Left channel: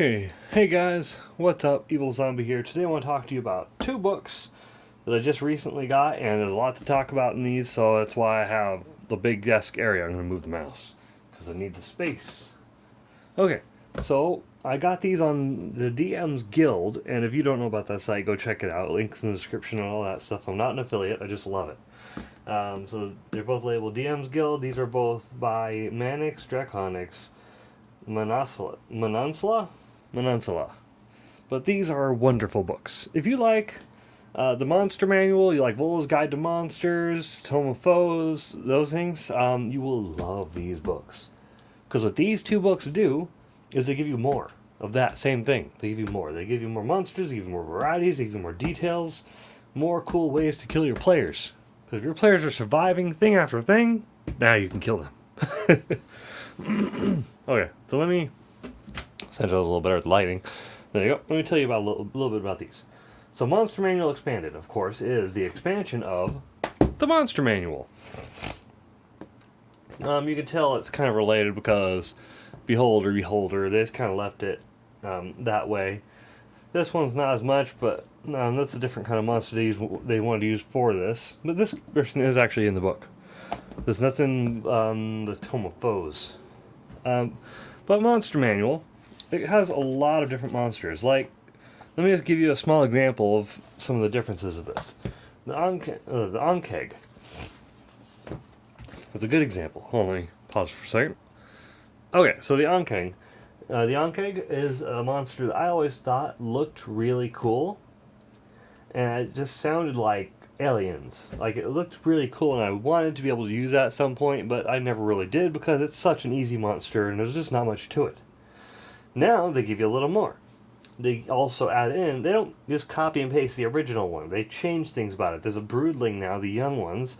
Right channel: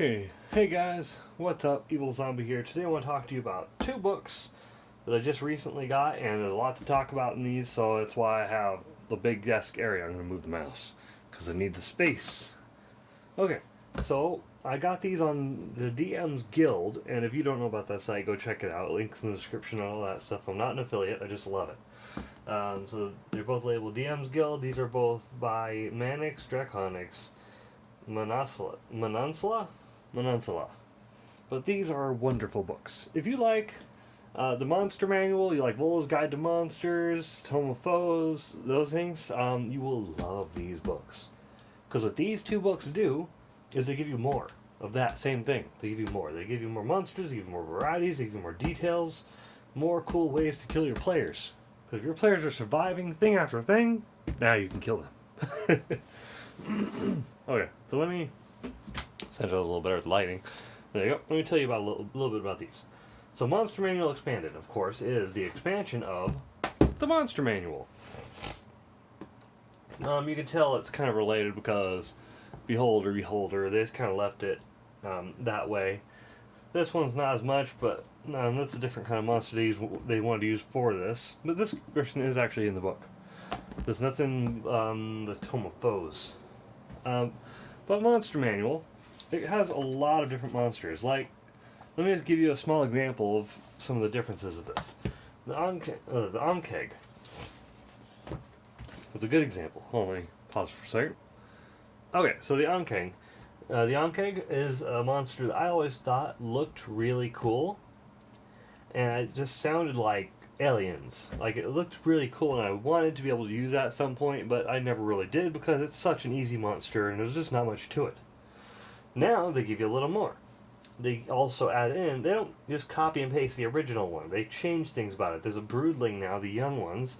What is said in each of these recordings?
Okay, hey guys, what's up? Evilzombie here. Today I want to talk to you about two books that I just recently got, and there's a lot to talk about in these, so that's why I have the big desk area. I'm going to move the mouse because I need the space. Okay, so I got these on the DM's Guild, and if you don't know about that site, go check it out. Links in the description and all that stuff. I'm not an affiliate, I just love it. So they're both labeled DM's Guild. These are both by Manix Draconics. Manansala. But these are wonderful books. If you like the Monster Manual, you like Vola's Guide to Monsters, Tome of Foes, those things, you will love these books. Because what these two books do is they give you more of that same thing. They give you more. They give you more monsters, they give you more varieties, they give you more details, more cool ways to kill your players. Because if your players are surviving thing after thing, now you can kill them. Okay, so let me since I was a little better at lighting. There you go. Let me tell you about a little bit about these. So Monster Manual Expanded, of course, is the expansion of the Monster Manual. You can tell it's kind of related because Beholder, they just kind of left it that way. This one's not as much, but that's a different kind of monster they wanted to use for this. But this version is actually in the book. There's nothing on the Tome of Foes. But Monster Manual, it has a lot of different monsters. Like, let me just give you a small example of some of the differences of this. The Ankeg. It's a good example. Hold on, let me pause for a second. Okay, so the Ankeg. The Ankeg is a monster that I always thought looked really cool. And it just sounded like aliens. Like, it looked really cool, and I wanted to be able to use that at some point, but I never really did because it's such an easy monster, and there's just not much to it. Now, they give you a little more. They also add in, they don't just copy and paste the original one. They change things about it. There's a broodling now, the young ones,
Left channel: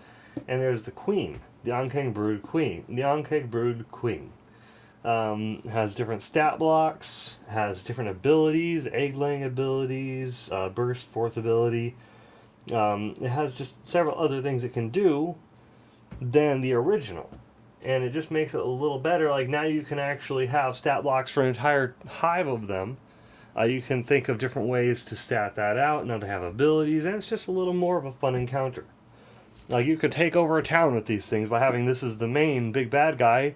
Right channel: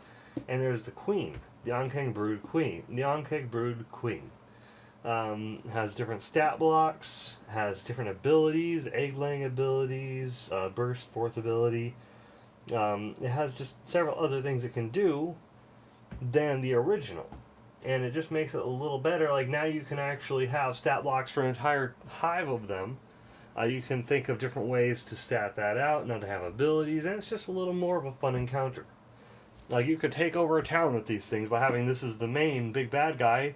and there's the queen, the Ankeg Brood Queen. The Ankeg Brood Queen has different stat blocks, has different abilities, egg-laying abilities, burst forth ability. It has just several other things it can do than the original. And it just makes it a little better. Like, now you can actually have stat blocks for an entire hive of them. You can think of different ways to stat that out, not to have abilities, and it's just a little more of a fun encounter. Like, you could take over a town with these things by having this as the main big bad guy.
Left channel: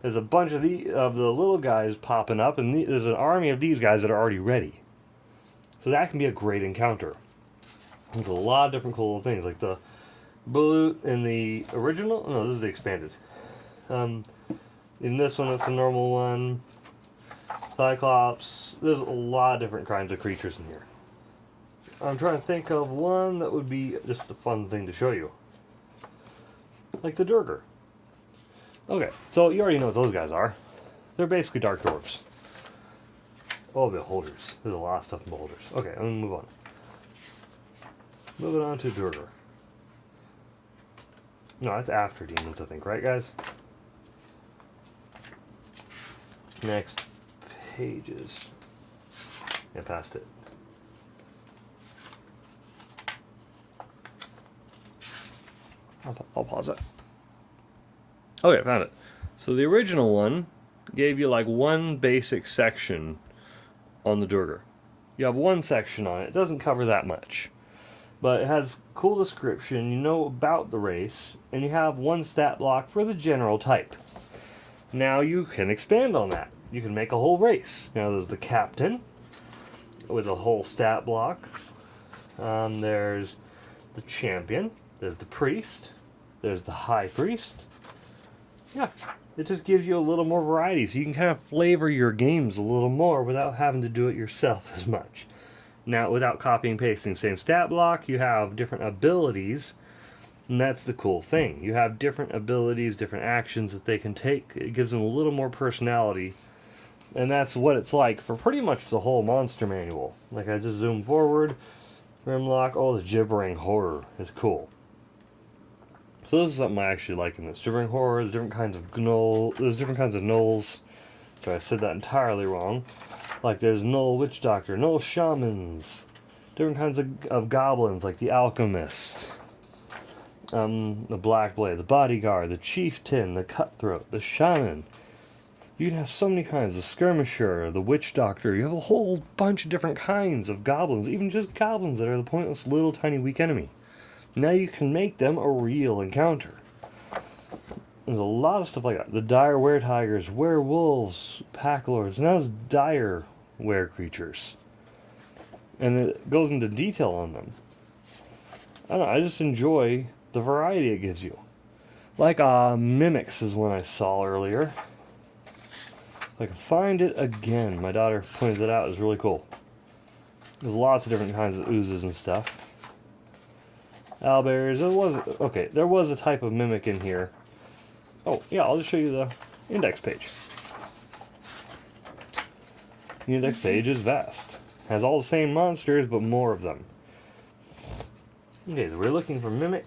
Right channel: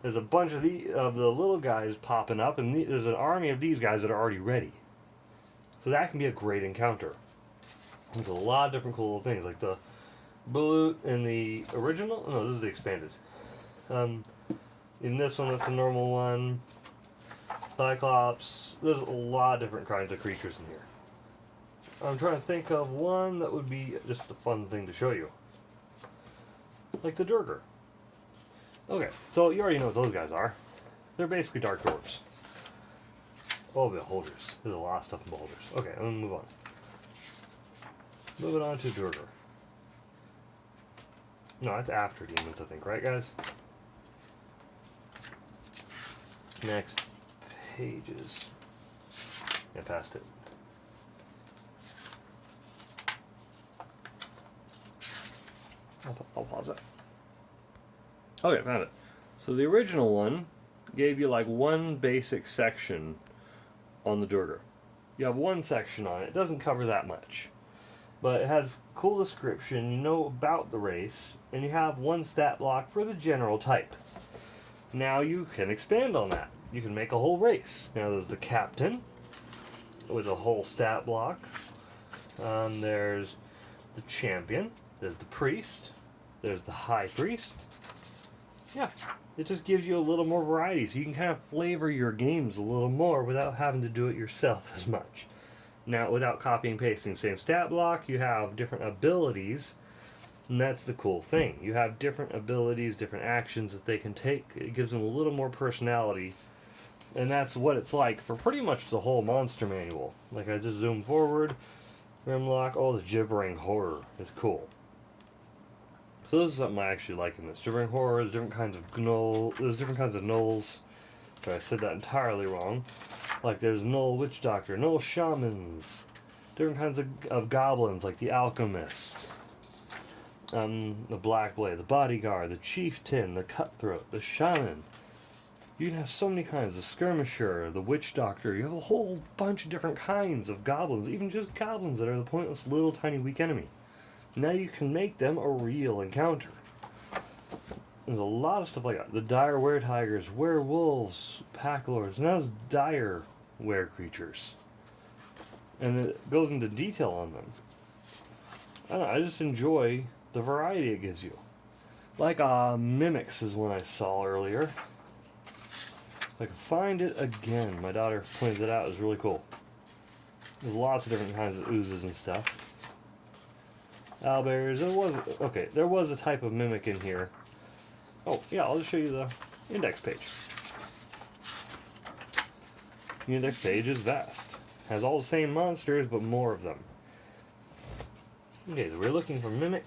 There's a bunch of the little guys popping up, and there's an army of these guys that are already ready. So that can be a great encounter. There's a lot of different cool things, like the Balut in the original. No, this is the expanded. In this one, it's the normal one. Cyclops. There's a lot of different kinds of creatures in here. I'm trying to think of one that would be just a fun thing to show you. Like the Durger. Okay, so you already know what those guys are. They're basically dark dwarfs. Oh, beholders. There's a lot of stuff in beholders. Okay, I'm gonna move on. Moving on to Durger. No, that's after demons, I think, right, guys? Next pages. Yeah, past it. I'll pause it. Okay, found it. So the original one gave you like one basic section on the Durger. You have one section on it. It doesn't cover that much. But it has cool description, you know about the race, and you have one stat block for the general type. Now you can expand on that. You can make a whole race. Now there's the captain with a whole stat block. There's the champion. There's the priest. There's the high priest. Yeah, it just gives you a little more variety, so you can kind of flavor your games a little more without having to do it yourself as much. Now, without copying and pasting the same stat block, you have different abilities, and that's the cool thing. You have different abilities, different actions that they can take. It gives them a little more personality, and that's what it's like for pretty much the whole Monster Manual. Like, I just zoom forward, Grimlock, oh, the Gibbering Horror is cool. So this is something I actually like in this. Gibbering Horror, there's different kinds of gnolls. So I said that entirely wrong. Like, there's Gnoll Witch Doctor, Gnoll Shamans, different kinds of goblins, like the Alchemist, the Black Blade, the Bodyguard, the Chieftain, the Cutthroat, the Shaman, You can have so many kinds. The skirmisher, the witch doctor. You have a whole bunch of different kinds of goblins. Even just goblins that are the pointless little tiny weak enemy. Now you can make them a real encounter. There's a lot of stuff like that. The dire were-tigers, werewolves, pack lords. Now there's dire were-creatures. And it goes into detail on them. I don't know, I just enjoy the variety it gives you. Like Mimics is one I saw earlier. If I can find it again. My daughter pointed it out. It was really cool. There's lots of different kinds of oozes and stuff. Owlbears. There was a type of mimic in here. Oh, yeah, I'll just show you the index page. The index page is vast. Has all the same monsters, but more of them. Okay, so we're looking for Mimic.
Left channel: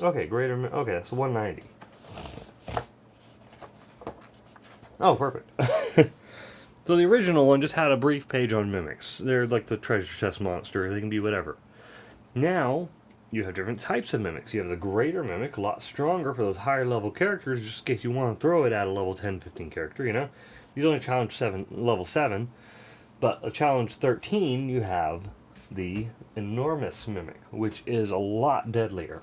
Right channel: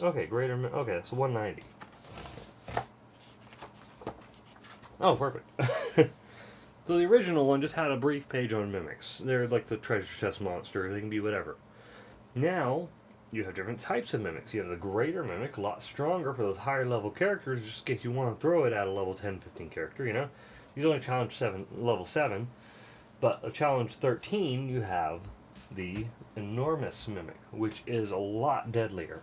Okay, okay, so 190. Oh, perfect. So the original one just had a brief page on Mimics. They're like the treasure chest monster. They can be whatever. Now, you have different types of Mimics. You have the Greater Mimic, a lot stronger for those higher level characters, just in case you want to throw it at a level 10, 15 character, you know? These only challenge level 7, but a challenge 13, you have the Enormous Mimic, which is a lot deadlier.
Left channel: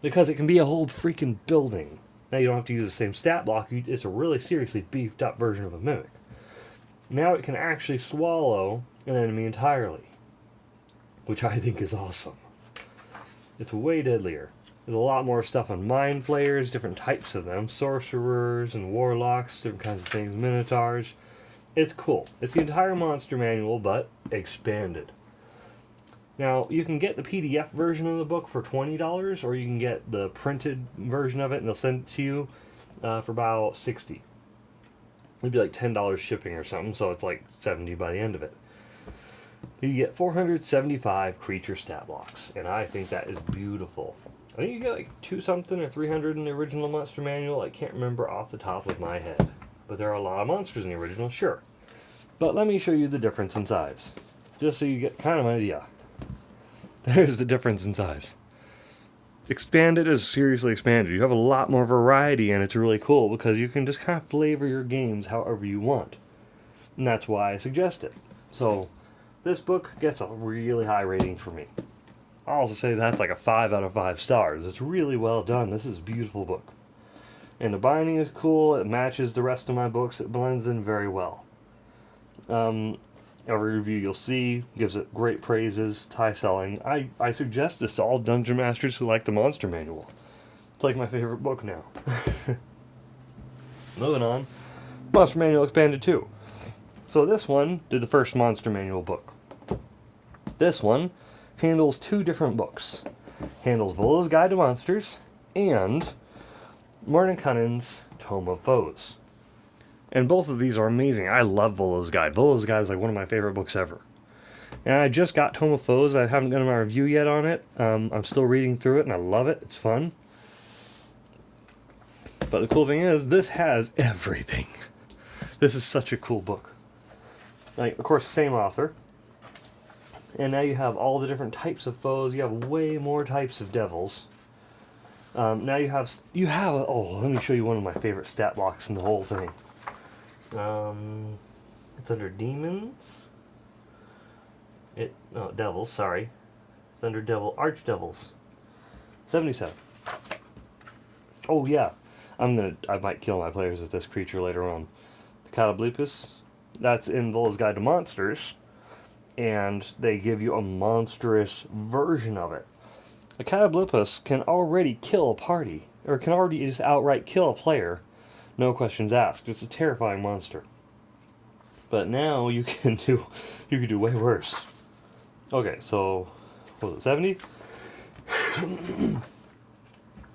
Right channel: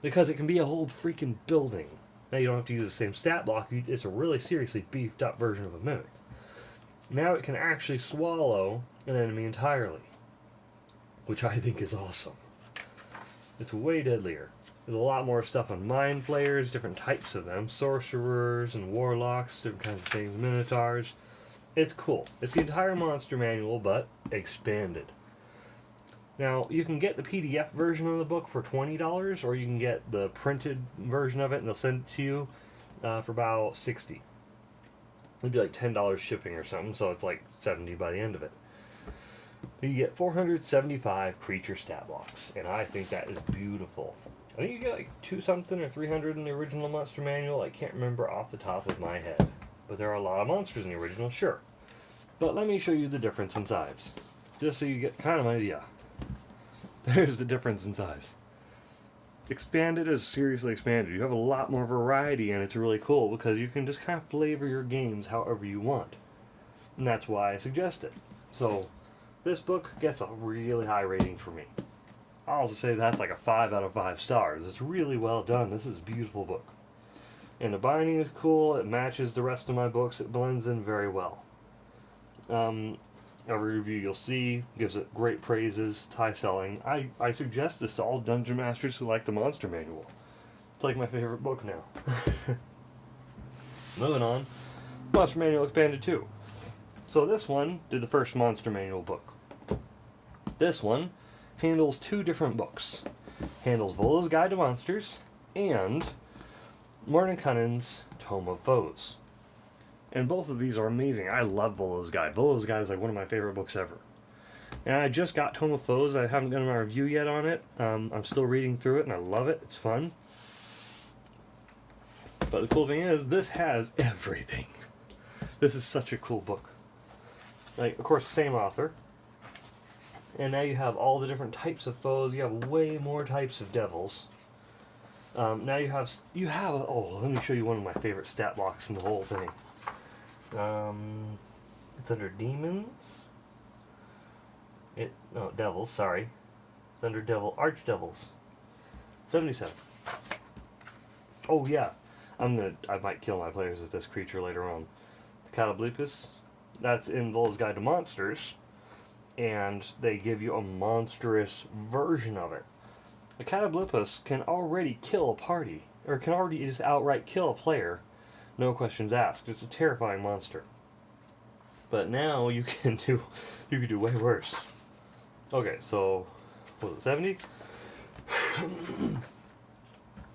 Because it can be a whole freaking building. Now you don't have to use the same stat block, it's a really seriously beefed up version of a Mimic. Now it can actually swallow an enemy entirely, which I think is awesome. It's way deadlier. There's a lot more stuff on mind flayers, different types of them, sorcerers and warlocks, different kinds of things, minotaurs. It's cool. It's the entire monster manual, but expanded. Now, you can get the PDF version of the book for $20, or you can get the printed version of it, and they'll send it to you for about $60. It'd be like $10 shipping or something, so it's like $70 by the end of it. You get 475 creature stat blocks, and I think that is beautiful. I think you get like 2-something or 300 in the original monster manual. I can't remember off the top of my head. But there are a lot of monsters in the original, sure. But let me show you the difference in size, just so you get kind of an idea. There's the difference in size. Expanded is seriously expanded. You have a lot more variety, and it's really cool because you can just kind of flavor your games however you want. And that's why I suggest it. So, this book gets a really high rating for me. I'll also say that's like a 5 out of 5 stars. It's really well done. This is a beautiful book. And the binding is cool. It matches the rest of my books. It blends in very well. Every review you'll see gives it great praises. It's high selling. I suggest this to all dungeon masters who like the monster manual. It's like my favorite book now. Moving on. Monster Manual Expanded 2. So this one did the first Monster Manual book. This one handles 2 different books. Handles Vola's Guide to Monsters and Mordenkainen's Tome of Foes. And both of these are amazing. I love Vola's Guide. Vola's Guide is like one of my favorite books ever. And I just got Tome of Foes. I haven't done my review yet on it. I'm still reading through it and I love it. It's fun. But the cool thing is, this has everything. This is such a cool book. Like, of course, same author. And now you have all the different types of foes. You have way more types of devils. Now you have let me show you one of my favorite stat blocks in the whole thing. It's under demons. Devils, sorry. It's under archdevils. 77. Oh yeah. I might kill my players with this creature later on. The Catablipus, that's in Vola's Guide to Monsters, and they give you a monstrous version of it. A Catablipus can already kill a party, or can already just outright kill a player, no questions asked. It's a terrifying monster. But now you can do way worse. Okay, so what was it, 70?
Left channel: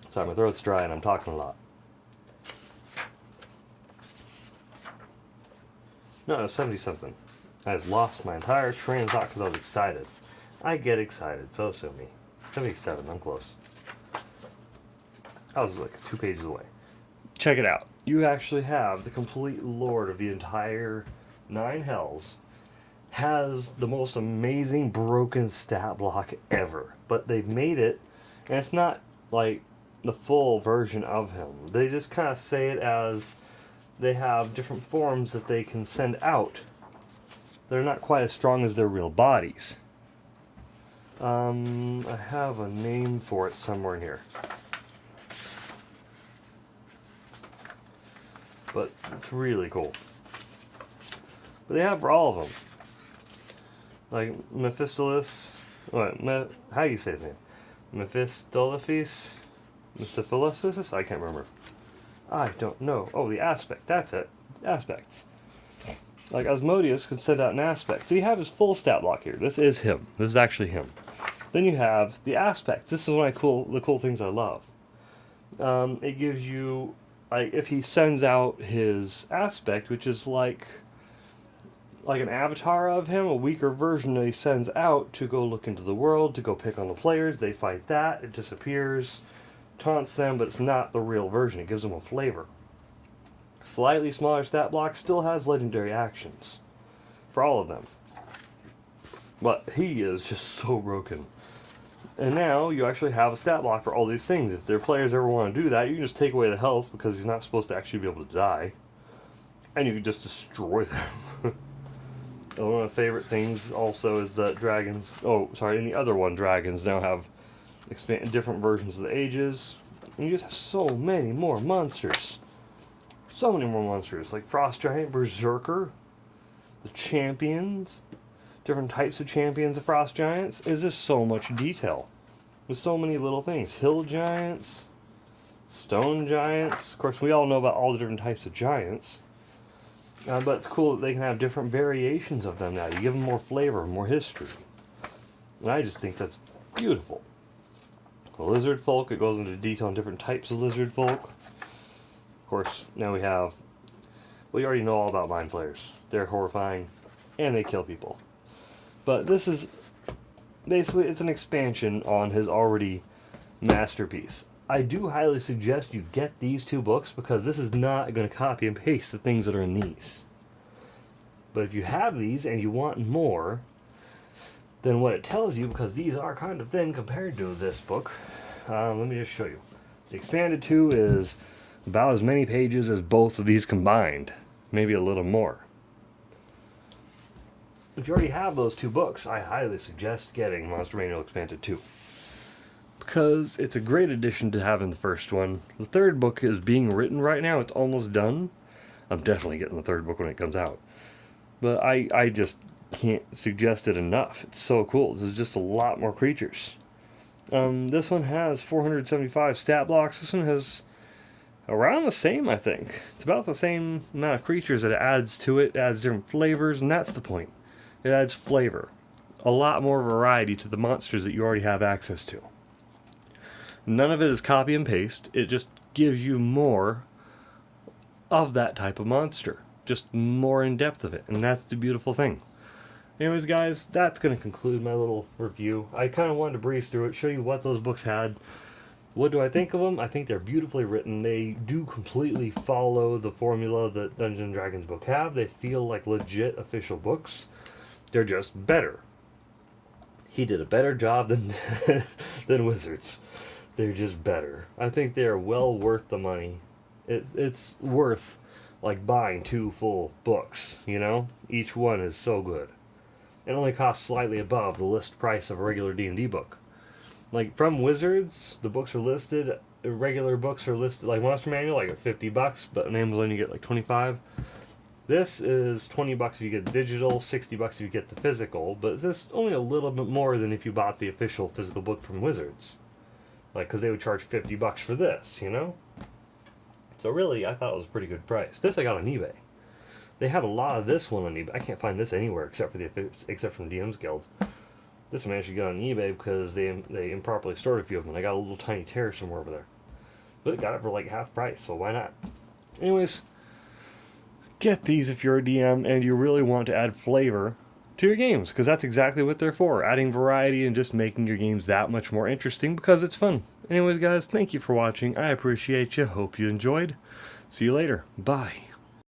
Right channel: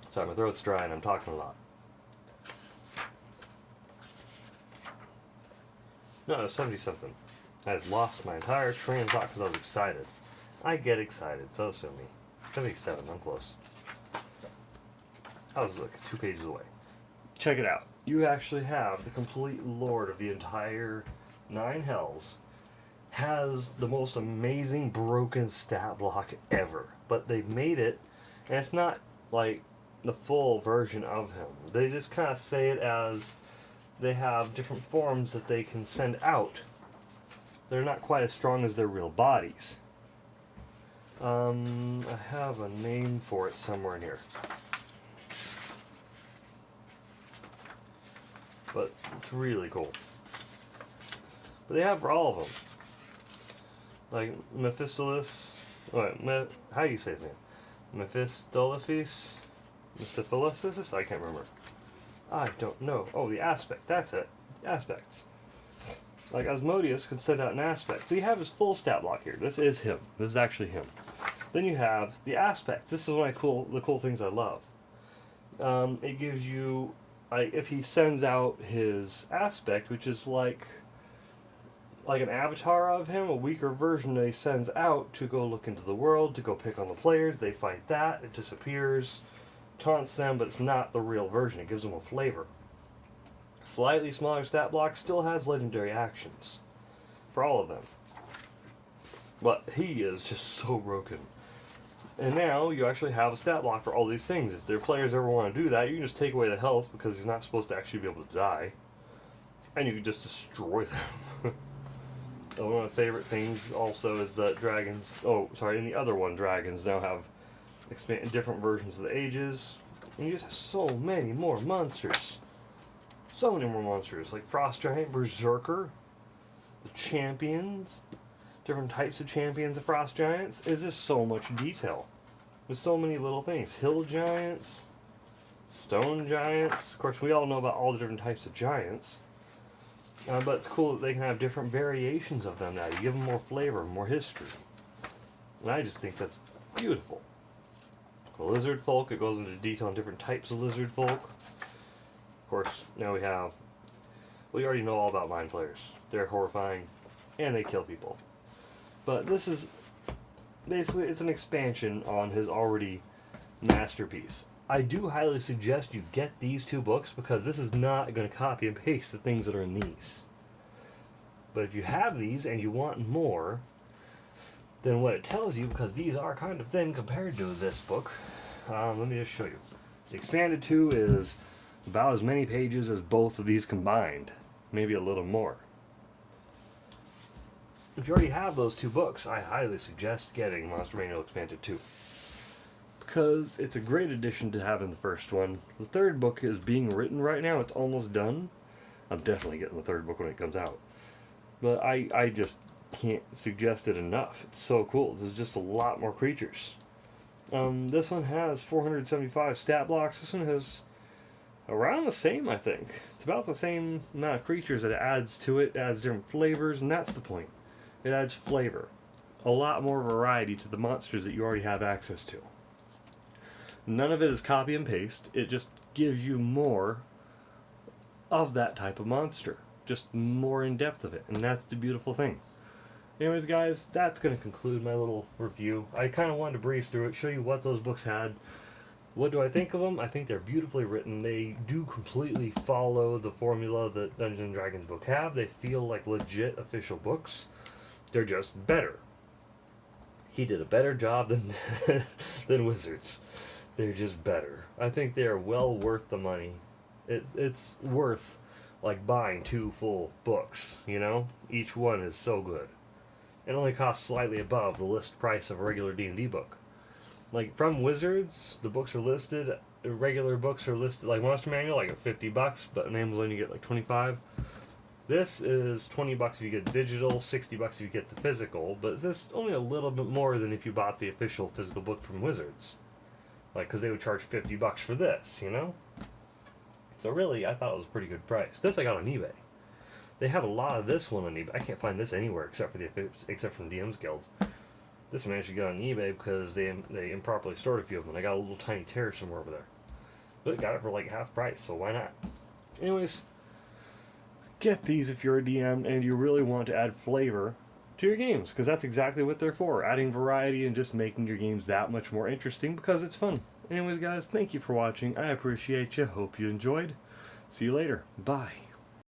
Sorry, my throat's dry and I'm talking a lot. No, 70 something. I just lost my entire train of thought because I was excited. I get excited, so me. 77, I'm close. I was like 2 pages away. Check it out. You actually have the complete lord of the entire 9 Hells. Has the most amazing broken stat block ever. But they've made it, and it's not like the full version of him. They just kind of say it as they have different forms that they can send out. They're not quite as strong as their real bodies. I have a name for it somewhere in here. But it's really cool. But they have for all of them. Like Mephistopheles. How do you say his name? Mephistopheles? Mephistopheles? I can't remember. I don't know. Oh, the aspect. That's it. Aspects. Like Asmodeus can send out an aspect. So you have his full stat block here. This is him. This is actually him. Then you have the aspects. This is one of the cool things I love. It gives you, like, if he sends out his aspect, which is like an avatar of him, a weaker version that he sends out to go look into the world, to go pick on the players. They fight that. It disappears, taunts them, but it's not the real version. It gives them a flavor. Slightly smaller stat block, still has legendary actions for all of them. But he is just so broken. And now you actually have a stat block for all these things. If their players ever want to do that, you can just take away the health because he's not supposed to actually be able to die. And you can just destroy them. One of the favorite things also is that dragons, in the other one, dragons now have different versions of the ages. And you just have so many more monsters. So many more monsters, like Frost Giant, Berserker, the champions, different types of champions of Frost Giants. Is just so much detail. There's so many little things. Hill Giants, Stone Giants. Of course, we all know about all the different types of giants. But it's cool that they can have different variations of them now. You give them more flavor, more history. And I just think that's beautiful. The lizard folk, it goes into detail on different types of lizard folk. Of course, now we already know all about mind flayers. They're horrifying, and they kill people. But this is, basically, it's an expansion on his already masterpiece. I do highly suggest you get these two books because this is not going to copy and paste the things that are in these. But if you have these and you want more, then what it tells you, because these are kind of thin compared to this book, let me just show you. The Expanded 2 is about as many pages as both of these combined, maybe a little more. If you already have those two books, I highly suggest getting Monster Manual Expanded 2. Because it's a great addition to having the first one. The third book is being written right now. It's almost done. I'm definitely getting the third book when it comes out. But I just can't suggest it enough. It's so cool. This is just a lot more creatures. This one has 475 stat blocks. This one has around the same, I think. It's about the same amount of creatures that it adds to it. It adds different flavors, and that's the point. It adds flavor. A lot more variety to the monsters that you already have access to. None of it is copy and paste. It just gives you more of that type of monster. Just more in depth of it. And that's the beautiful thing. Anyways, guys, that's going to conclude my little review. I kind of wanted to breeze through it, show you what those books had. What do I think of them? I think they're beautifully written. They do completely follow the formula that Dungeons & Dragons book have. They feel like legit official books. They're just better. He did a better job than than Wizards. They're just better. I think they're well worth the money. It's worth like buying 2 full books, you know? Each one is so good. It only costs slightly above the list price of a regular D&D book. Like from Wizards, the books are listed, regular books are listed, like Monster Manual, like at $50, but on Amazon you get like 25. This is $20 if you get digital, $60 if you get the physical, but this only a little bit more than if you bought the official physical book from Wizards. Like, because they would charge $50 for this, you know? So really, I thought it was a pretty good price. This I got on eBay. They have a lot of this one on eBay. I can't find this anywhere except from DM's Guild. This I managed to get on eBay because they improperly stored a few of them. I got a little tiny tear somewhere over there. But got it for like half price, so why not? Anyways, get these if you're a DM and you really want to add flavor to your games, because that's exactly what they're for, adding variety and just making your games that much more interesting because it's fun. Anyways, guys, thank you for watching. I appreciate you. Hope you enjoyed. See you later. Bye.